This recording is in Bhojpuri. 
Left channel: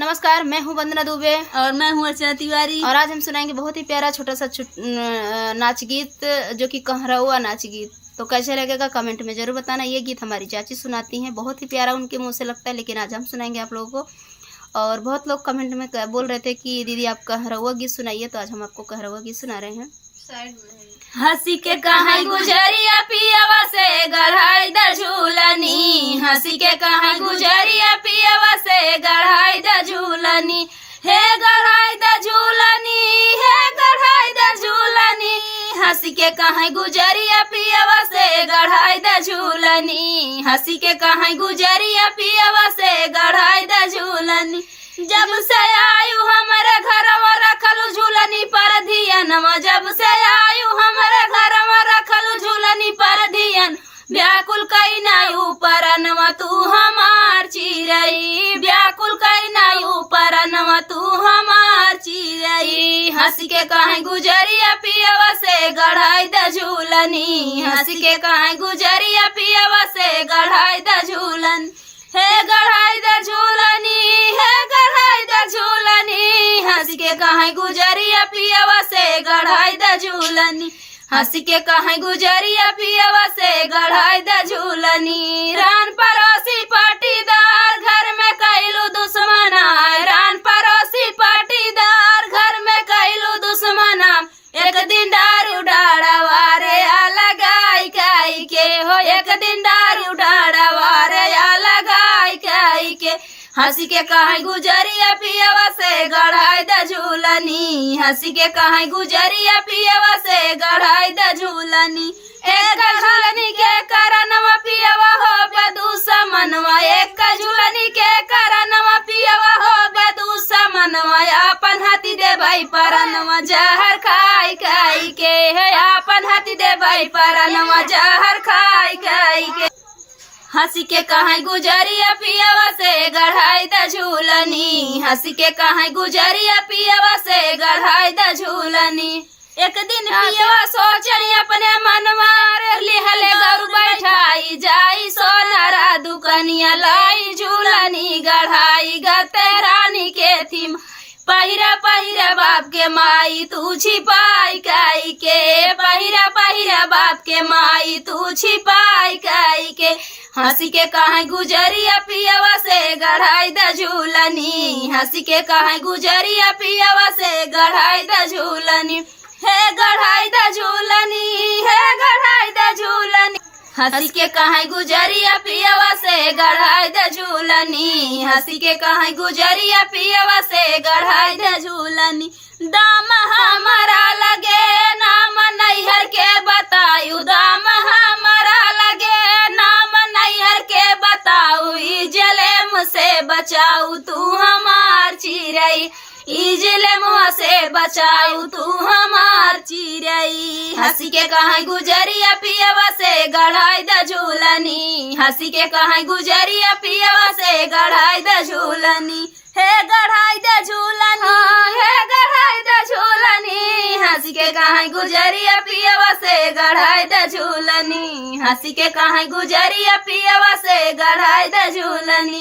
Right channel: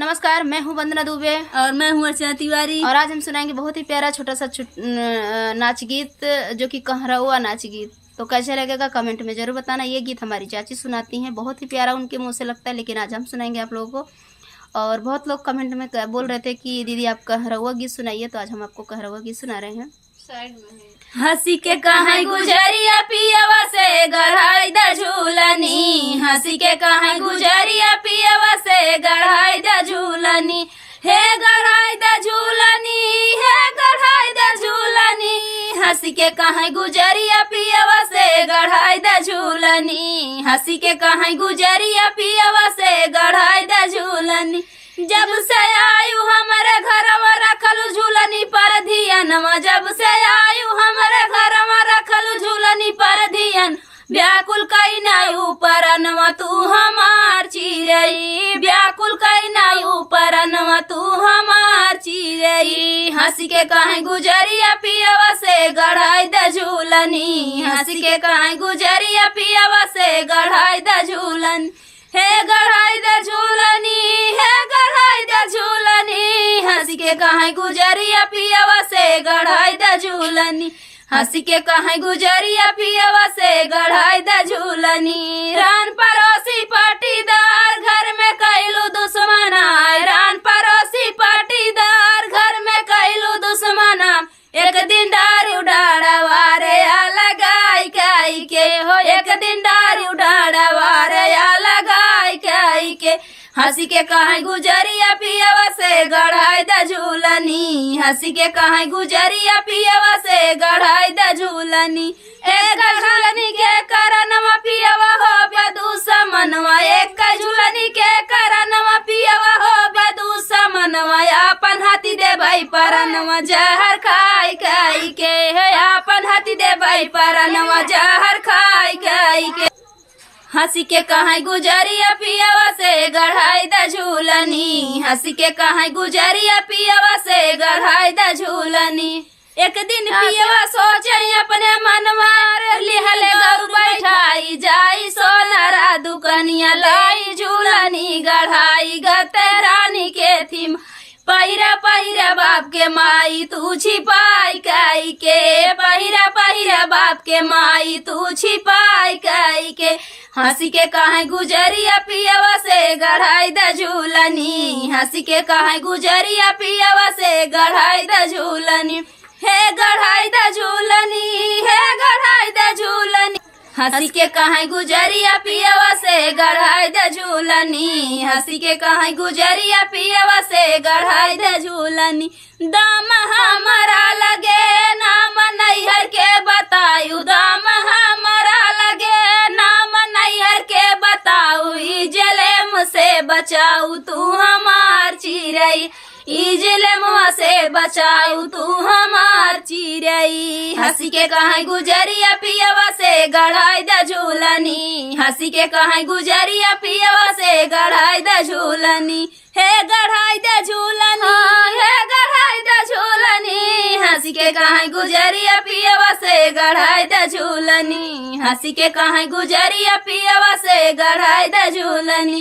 नमस्कार, मैं हूं वंदना दुबे और मैं हूं अर्चना तिवारी। और आज हम सुनाएंगे बहुत ही प्यारा छोटा सा नाच गीत जो कि कहरौआ नाच गीत। तो कैसे लगेगा कमेंट में जरूर बताना। ये गीत हमारी चाची सुनाती हैं, बहुत ही प्यारा उनके मुंह से लगता है, लेकिन आज हम सुनाएंगे आप लोगों को। और बहुत लोग कमेंट में बोल रहे थे कि दीदी आप कहरौआ गीत सुनाइए, तो आज हम आपको कहरौआ गीत सुना रहे हैं। हंसी के कहाई गुजरिया पियवा से गढ़ाई द झूलनी, हंसी के कहाई गुजरिया पियवा से गढ़ाई द झूलनी, हे गढ़ाई द झूलनी, हे गढ़ाई द झूलनी, हंसी के कहाई गुजरिया पियवा से गढ़ाई द झूलनी, हंसी के कहाई गुजरिया पियवा से गढ़ाई द झूलनी। जब से आयु हमारे घरवा रखलू झूलनी पर धियनवा, जब से आयु हमारे घरवा रखलू झूलनी पर धियन, व्याकुल कई नाई ऊपर अनवा तू हमार चिरई, व्याकुल कई नाई ऊपर अनवा तू हमार चिरई, हंसी के कहाई गुजरिया पियवा से गढ़ाई द झूलनी, हंसी के कहाई गुजरिया पियवा से गढ़ाई द झूलन, हे गढ़ाई द झूलनी, हे गढ़ाई द झूलनी, हंसी के कहाई गुजरिया पियवा से गढ़ाई द झूलनी, हंसी के कहाई गुजरिया पियवा से गढ़ाई द झूलनी। रान पड़ोसी पाटीदार घर में कैलू दुश्मना, रान पड़ोसी पाटीदार घर में कैलू दुश्मना, एक दिन दारू डाढ़वा रे लगाई काई के हो, एक दिन दारू डाढ़वा रे लगाई काई के, हंसी के कहाई गुजरिया पियवा से गढ़ाई द झूलनी, हंसी के कहाई गुजरिया पियवा से गढ़ाई द झूलनी, एक झूलनी के करनवा पियवा हो बदूसा मनवा, एक झूलनी के करनवा पियवा हो बदूसा मनवा, अपन हाथी दे भाई परनवा जहर खाई खाई के, है अपन हाथी दे भाई परनवा जहर खाई खाई के, हंसी के कहाई गुजरिया पियवा से गढ़ाई द झूलनी, हंसी के कहाई गुजरिया पियवा से गढ़ाई द झूलनी। एक दिन पियवा सोचनी अपने मनवा रे लिहले गरु बैठाई जाई सोनारा दुकनिया लाई झूलनी गढ़ाई गते रानी के थीम, पहिरा पहिरा बाप के माई तू छिपाई काई के, पहिरा पहिरा बाप के माई तू छिपाई काई के, हंसी के कहाई गुजरिया पियवा से गढ़ाई द झूलनी, हंसी के कहाई गुजरिया पियवा से गढ़ाई द झूलनी, हे गढ़ाई द झूलनी, हे गढ़ाई द झूलनी, हंसी के कहाई गुजरिया पियवा से गढ़ाई द झूलनी, हंसी के कहाई गुजरिया पियवा से गढ़ाई द झूलनी। दाम हमारा लगे नाम नैहर के बतायु, दाम हमारा लगे नाम नैहर के बताऊ, इजले मुझसे बचाऊ तू हमार चिरई, इजले मुँह से बचाऊ तू हमार चिरई, हंसी के कहाई गुजरिया पियवा से गढ़ाई द झूलनी, हंसी के कहाई गुजरिया पियवा से गढ़ाई द झूलनी, हे गढ़ाई द झूलनी, हे गढ़ाई द झूलनी, हंसी के कहाई गुजरिया पियवा से गढ़ाई द झूलनी, हंसी के कहाई गुजरिया पियवा से गढ़ाई द झूलनी।